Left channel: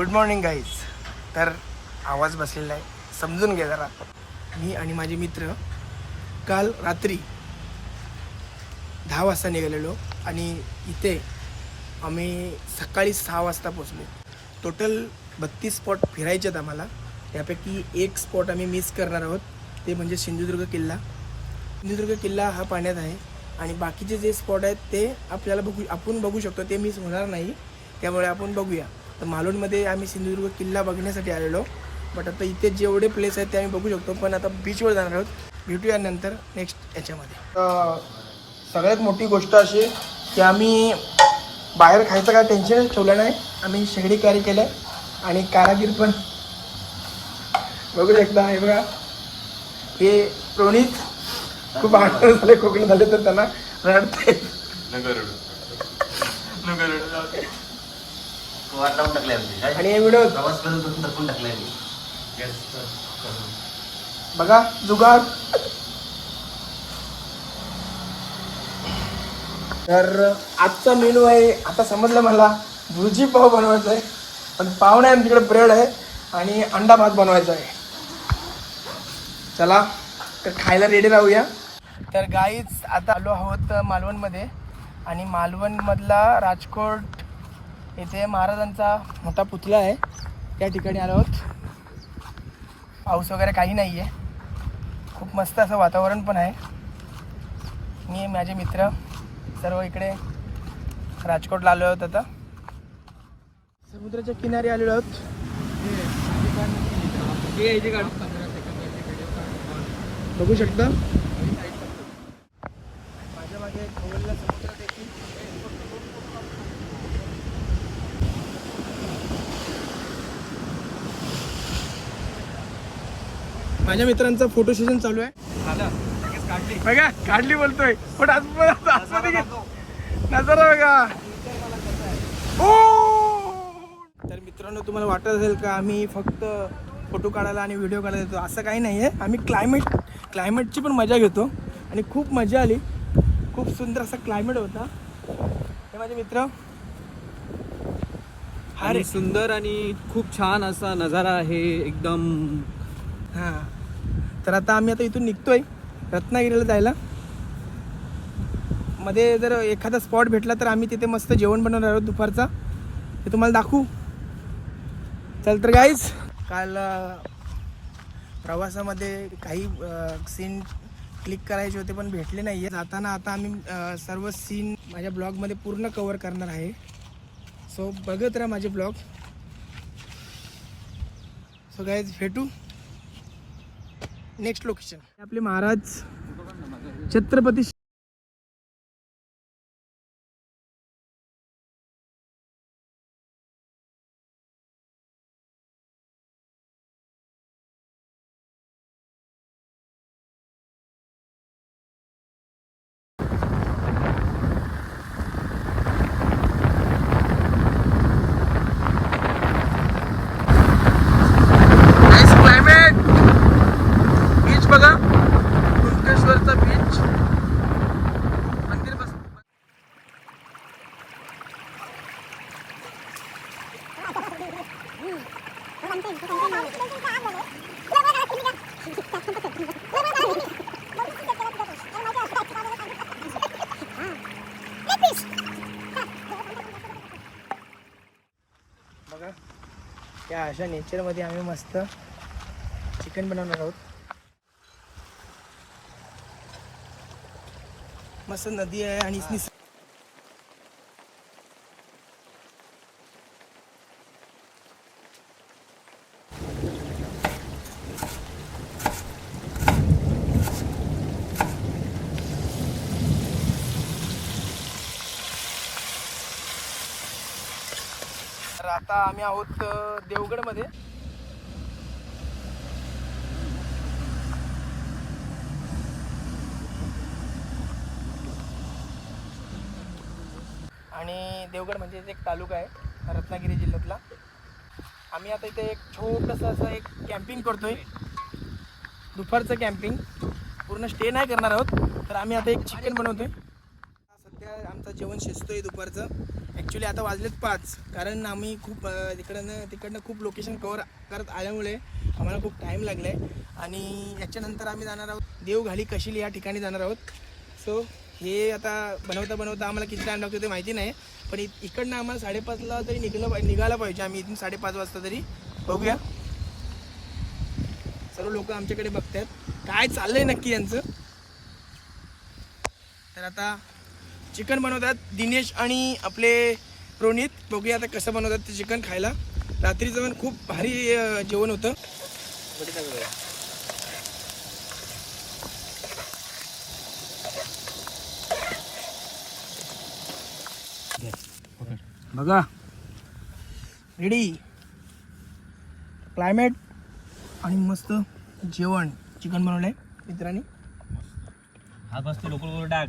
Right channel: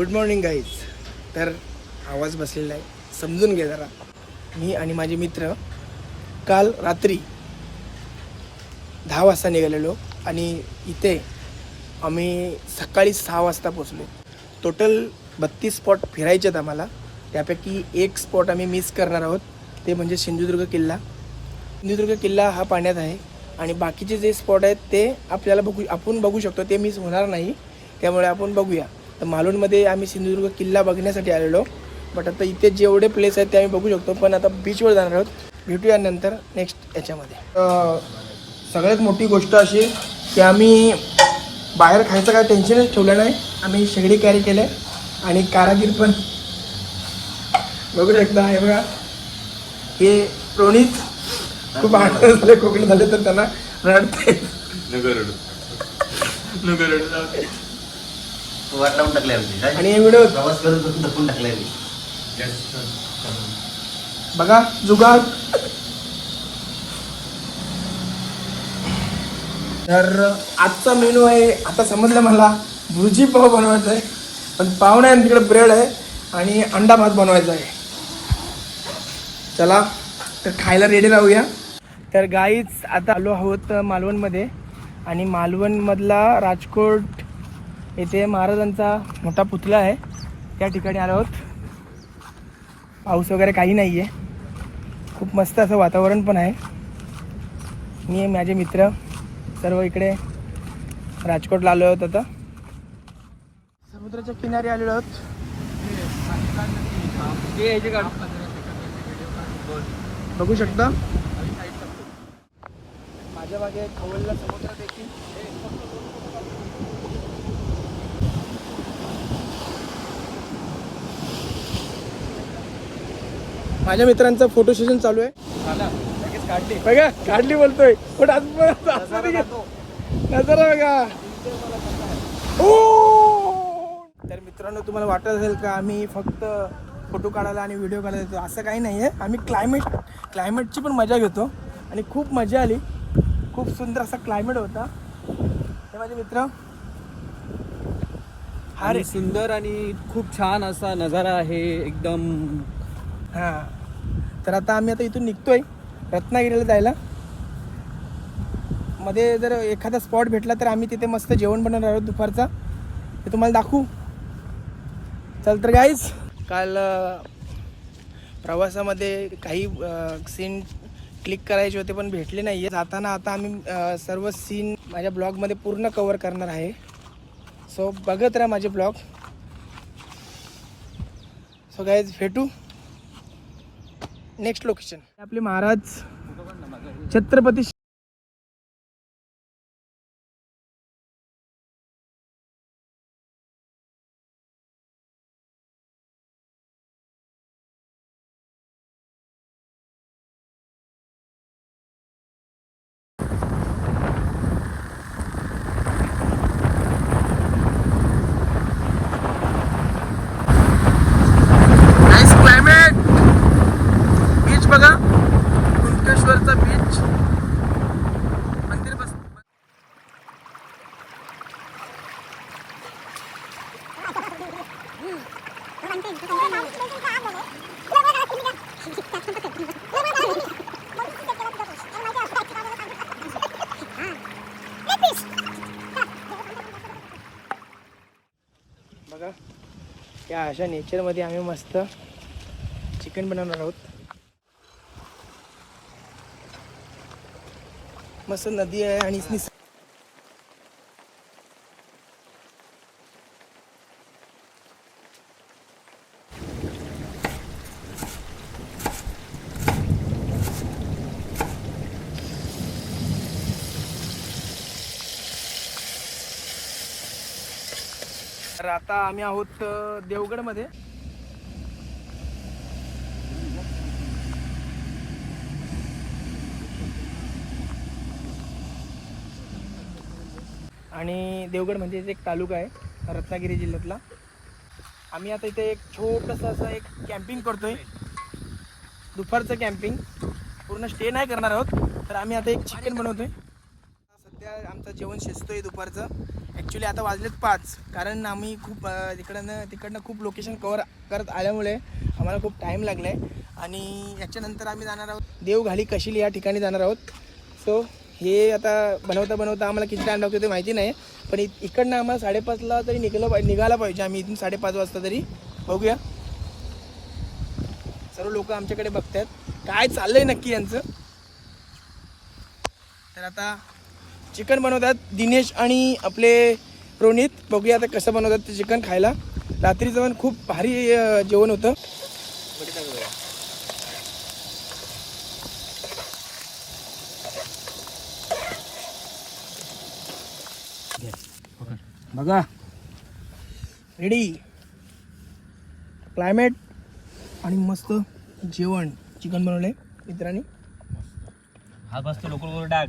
Good morning guys तर आवाज बसलेला आहे. समजून घे जरा. मी आणि माझे मित्र काल रात्री दहा वाजता निघालेलो आणि इथे आम्ही सकाळी सहा वाजता पोचलो टोटल बत्तीस स्पॉट फिरायचे आहेत आम्हाला. त्यापैकी एक स्पॉट आम्ही मिस करणार आहोत. ते म्हणजे सिंधुदुर्ग किल्ला. सिंधुदुर्ग किल्ला हा पाण्यात आहे. आणि बाकीचे जे स्पॉट आहेत ते आपल्याला बघू आपण बघू शकतो. ते मिस होणार नाही. त्यामुळे आपण बघूया. तर मालवणमध्ये आम्ही सिंधुदुर्ग किल्ला बघण्यासाठी आलेलो. बट आता इथे जेवढे प्लेस आहेत ते आम्ही बघू शकतो. पण आता बीचवर जाणार आहोत. भेटूया नंतर नेक्स्ट याच्यामध्ये. सगळ्यात मोठी गोष्ट अशी की आम्ही बाहेर खायचं काय टेन्शनच ठेवलं नाही. आम्ही शेगडी कॅरी केले आणि कारागीर पण. बघू शकता हे बघा. हे प्रणित खूप आठवण झाले कोकणी झाले तर त्यांना रडते वाट लावून टाकले आमची. काय? आणि हे व्हिडिओ प्रवास करून करून टाकून टाकलाय मी बघा जुगाड. तर आजचा मेनू आहे आता समजलं मला भुर्जी पाव बनवायचा आहे पण पाव नाही तिकडे ब्रेड आहे आणि अंडा भात बनवायचा आहे. चला तर खायला रेडी राहूया. तर गाईच आता आलो आहोत मालवणमध्ये. आणि मालवणमधला राजकोट येथे महाराजांचा मोठा पुतळा आहे. त्या ठिकाणी आलो आहोत. पाऊस वगैरे काही नाही आहे खूप मस्त असं वातावरण पण आहे. मी माझे मित्र सर्व इकडे राजकोटला आलो आहोत आता. समुद्राच्या किनारी आलेलो आहोत. बघू शकता? माझ्या माझ्या खवलला समुद्र देखील. माझ्या मित्रांचं फोटो सेशन चालू आहे. काढली बघा काढली बोलतोय. पण आज नजारा बघा. ओ! तर मित्रांनो तुम्हाला वाटत असेल का आम्ही फक्त फोटो काढायला आणि व्हिडिओ काढायला येतो? असं काही नाही आहे आम्ही क्लायमेट क्लायमेटची पण मजा घेतो. आणि खूप मजा आली. खूप सुंदर असा क्लायमेट होता. हे माझे मित्र. अरे सुंदर आणि खूप छान असा नजारा आहे. एकदम हां. तर आता आम्ही आता इथून निघतोय रत्नागिरीला जायला. मध्ये जर एखादा स्पॉट भेटला तर आम्ही तिथे मस्त जेवण बनवणार आहोत दुपारचा. ते तुम्हाला दाखवू. चल तर गाईज काल प्रवासामध्ये काही सीन क्लिक करायचे होते पण भेटले नाही जाताना आता आम्ही सर्व सीन माझ्या ब्लॉगमध्ये पूर्ण कवर करणार आहे. सो बघत राहा माझे ब्लॉग सो गाईज भेटू. Next location. आपले महाराज छत्रपती बघा या अशा नेचरमध्ये आम्ही मस्त चिकन बनवणार आहोत. मस्त नदी आहे आणि आता आम्ही आहोत देवगडमध्ये. आणि देवगड म्हणजे एक तालुका आहे रत्नागिरी जिल्ह्यातला. आम्ही आता इथे एक छोटंसं असं एक कॅम्पिंग करतोय. दुपारचं कॅम्पिंग पूर्ण स्टे नाही करणार आहोत तर आम्ही आता एक चिकन बनवतोय. सध्या आमचं जेवण शिजतोय दुपारचं. ॲक्च्युली आता वाजलेत पाच. कारण आम्ही खूप इकडनं तिकडनं तिकडनं खूप लोकेशन कवर करत आल्यामुळे आम्हाला खूप टाईम लागला आहे आणि याच्यानंतर आम्ही जाणार आहोत. देवघाली कशील या ठिकाणी जाणार आहोत. सो हे आता बनवता बनवता आम्हाला किती टाईम लागतो ते माहिती नाही. पण इकडनं आम्हाला साडेपाचला तरी निघालं पाहि- निघायला पाहिजे. आम्ही इथून साडेपाच वाजता तरी. बघूया. सर्व लोक आमच्याकडे बघतात काय चाललंय नक्की यांचं? तर आता चिकन बनवतात दिनेश आणि आपले रोनित. बघूया आता कसं बनवतात ते चिकन खायला. रात्रीचं पण खूप भारी जेवण होतं. बघा. रेडी क्लायमेट आणि मस्त जेवण. चिकन बनवलंय मित्रांनी. हा बसतो लोकल डाग.